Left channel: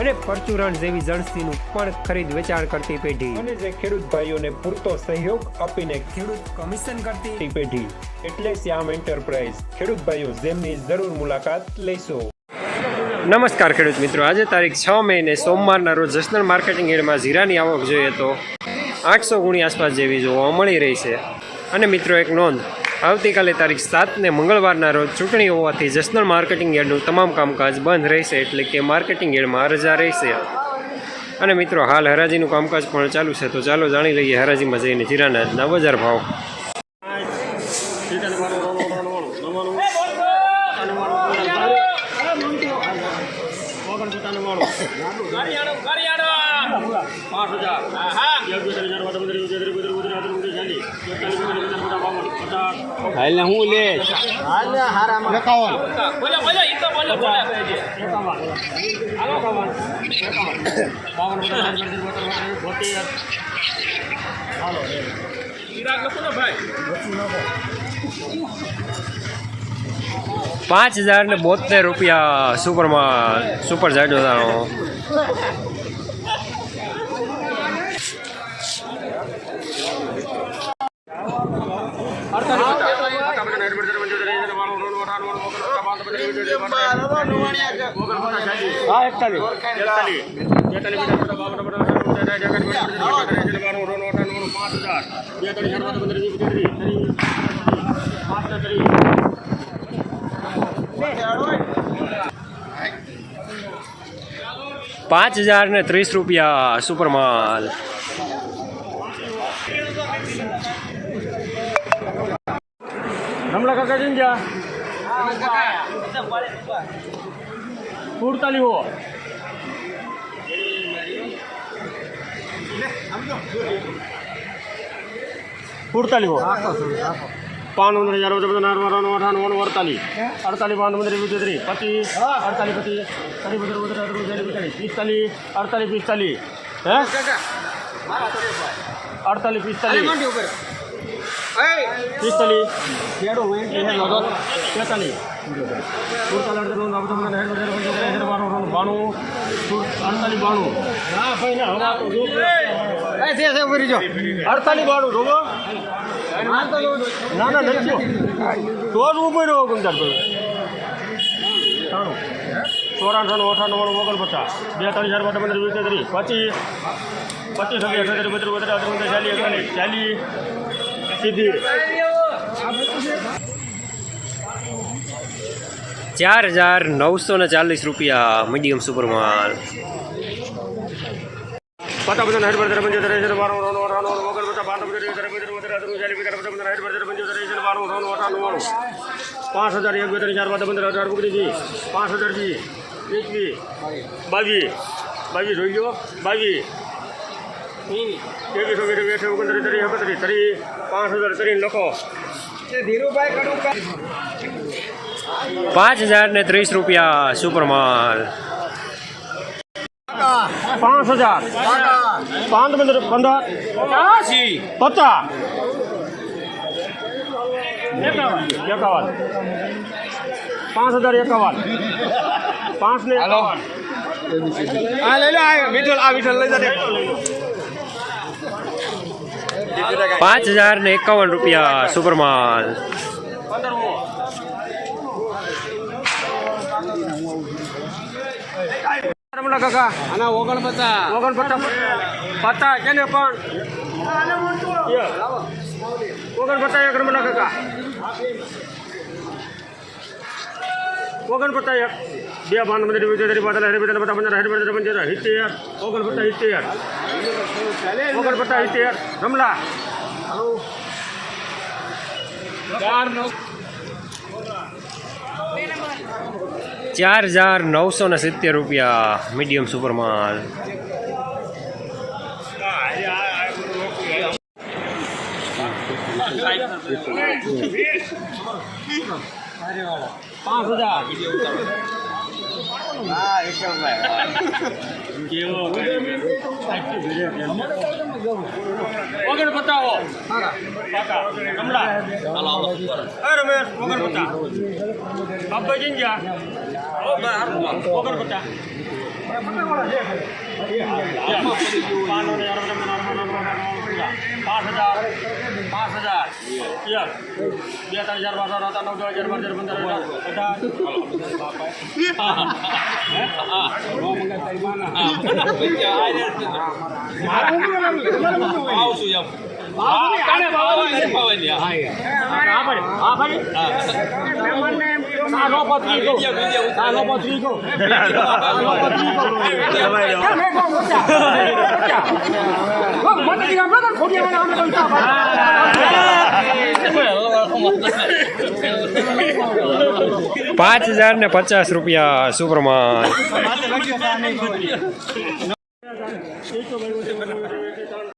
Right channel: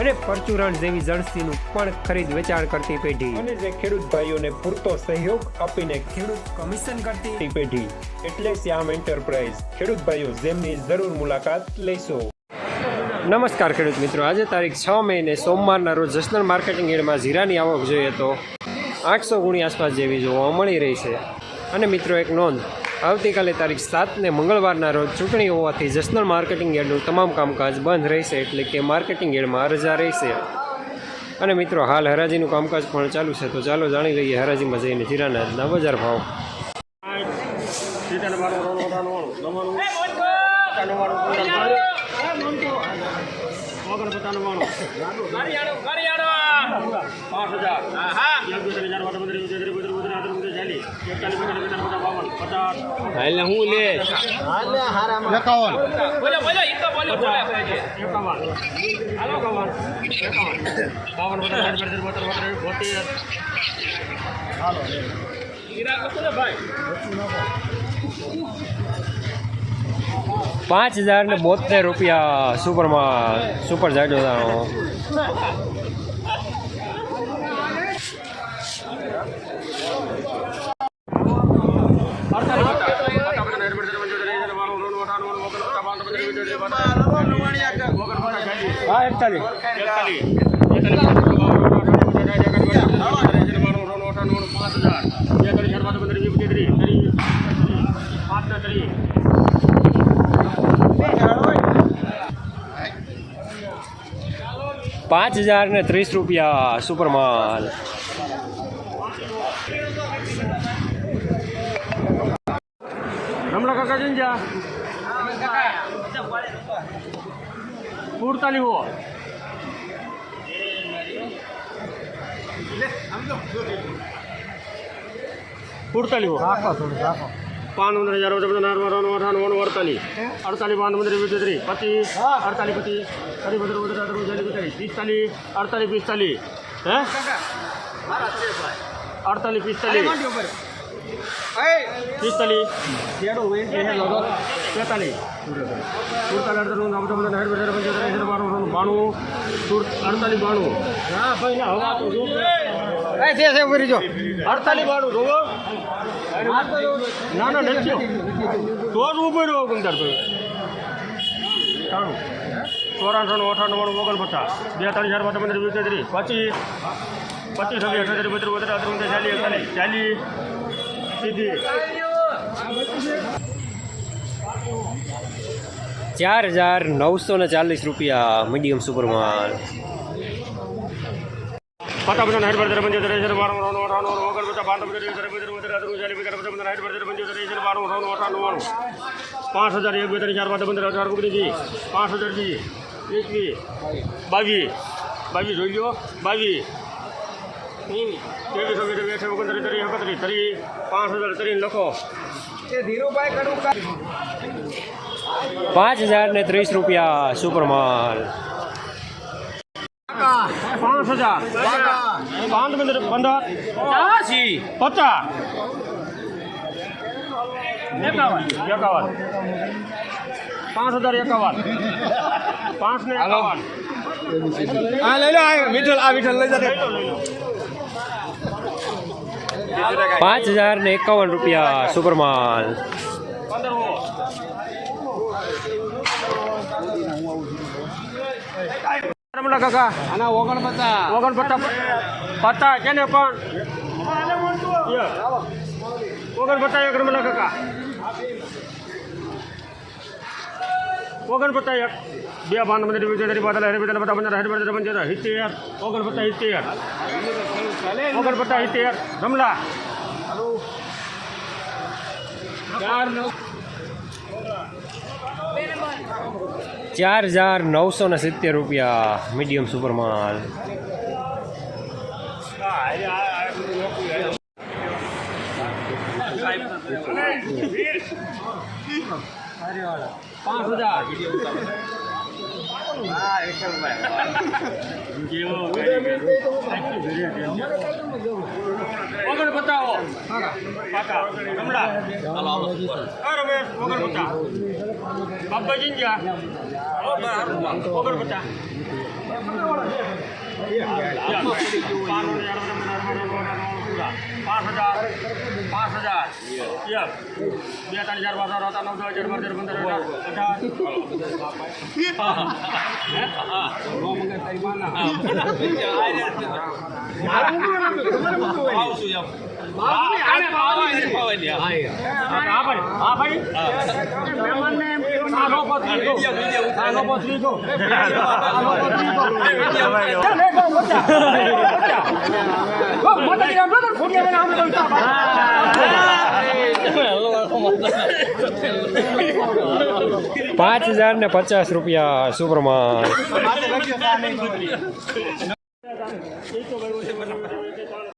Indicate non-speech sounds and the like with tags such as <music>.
અને પરચુરણ જેવી જણસીનું પણ ખરીદ વેચાણ કરતી પેઢી. અને જે ખેડૂત ભાઈઓને પૂરતો સહયોગ આપીને ખેડૂત કમિશન કરતી પેઢી. એટલે શ્યામ એન્ટરપ્રાઇઝ. ખેડૂત ભાઈઓ જેમની જરૂર મુલાકાત લેશો. નમસ્કાર ખેડૂત મિત્રો. આજે તારીખ છ મેને સોમવારના રોજ જસનલ માર્કેટિંગ યાર્ડમાં જીરાની આવક જોઈએ તો આઠસો ગુણી આસપાસ જેવી જોવા મળી રહી છે. અને મિત્રો એક નોંધ. આવતીકાલે તારીખ સાતને મંગળવારના રોજ ચૂંટણી હોવાથી જસનલ માર્કેટિંગ યાર્ડનું તમામ કામકાજ બંધ રહેશે એટલે કે માર્કેટિંગ યાર્ડમાં રજા રહેશે. અને મિત્રો હાલ હરાજીનું કામકાજ પણ ચાલુ છે તો ચાલો જાણી લઈએ હરાજીમાં જઈને જીરાના આજના બજાર ભાવ. એટલે હું પાંચ હજાર ને બોતેર રૂપિયા સુપરમાં સુપર જાડો પાંચ હજાર ને ત્રીસ રૂપિયા સુપર માલ હમણાં કાકા જઈને જા સુડતાલીસ હો સુડતાલીસ હો પાન પંદર હજાર બધા નાર નાર અઠાણું અડતાલીસ અડતાલીસ પાન પંદર વીસ ત્રીસ પચીસ અડતાલીસ પચીસ ફરી પંદર પંદર પિસ્તાલીસ અડતાલીસ પિસ્તાલીસ હે અડતાલીસ પિસ્તાલીસ પિસ્તાલીસ તેતાલીસ સુડતાલીસ અડતાલીસ બાણું બાણું અડતાલીસ બાણું અડતાલીસ બાણું જોવો ના ના નથી તો જ ઊભો રહ્યો ગમદાર ચોરાણું અઠાણું ઓગણપચાસ બેતાલીસ હજાર, પંદર વીસ ત્રીસ પચીસ પચીસ અઠાત્રીસ બત્રીસ બત્રીસ અઠાત્રીસ ચાલીસ ચાલીસ, સીધી. ચાર હજાર નવસો ને ચાલીસ રૂપિયા મીડિયમ સુપરમાલ પાંચ હજાર એક બે ત્રણ ચાર પાંચ પંદર અઢાર ઓગણીસ પાંચ હજાર વીસ એકવીસ બાવી બાવી જોઈ લો બાવી ત્રેવીસ ઓગણીસ વીસ ઓગણત્રીસ ત્રીસ એકત્રીસ ત્રીસ પાંચ હજાર ત્રીસ લખો પાંચ હજાર ને ત્રીસ રૂપિયા સુપરમાલ. પાંચ હજાર પાંચ પંદર પંદર પચાસ પાંચ હજાર પાંચ ને એકાવન રૂપિયા સુપરમાલ. પંદર રમલા કાકા. આના પચાસ. પણ ઓગણપચાસ એક રમલા કાકા. ઓગણપચાસ એક. બે બાન મંદિર વિદ્યાર્થી પાતળા હરી વિદ્યાલય પટા પંદર હરી વિદ્યાલય પંચાયત સિત્તેર. ઓગણપચાસ સિત્તેર. ઓગણપચાસ સિત્તેર. રમલા. ચાર હજાર નવસો ને સિત્તેર રૂપિયા મીડિયમ સુપરમાલ પાંચ હજાર. વગર બતાવો પાકા કમલા રમેશ વગર બતા બાપા જીંજા વગર બતા પાંચ હજાર પાંચ હજાર. યસ બે ત્રણ હજાર બાર હતા નવ દસ હજાર બાર હજાર પંદર હજાર <laughs> પાંચ હજાર ને પચાસ રૂપિયા સુપ્રમાન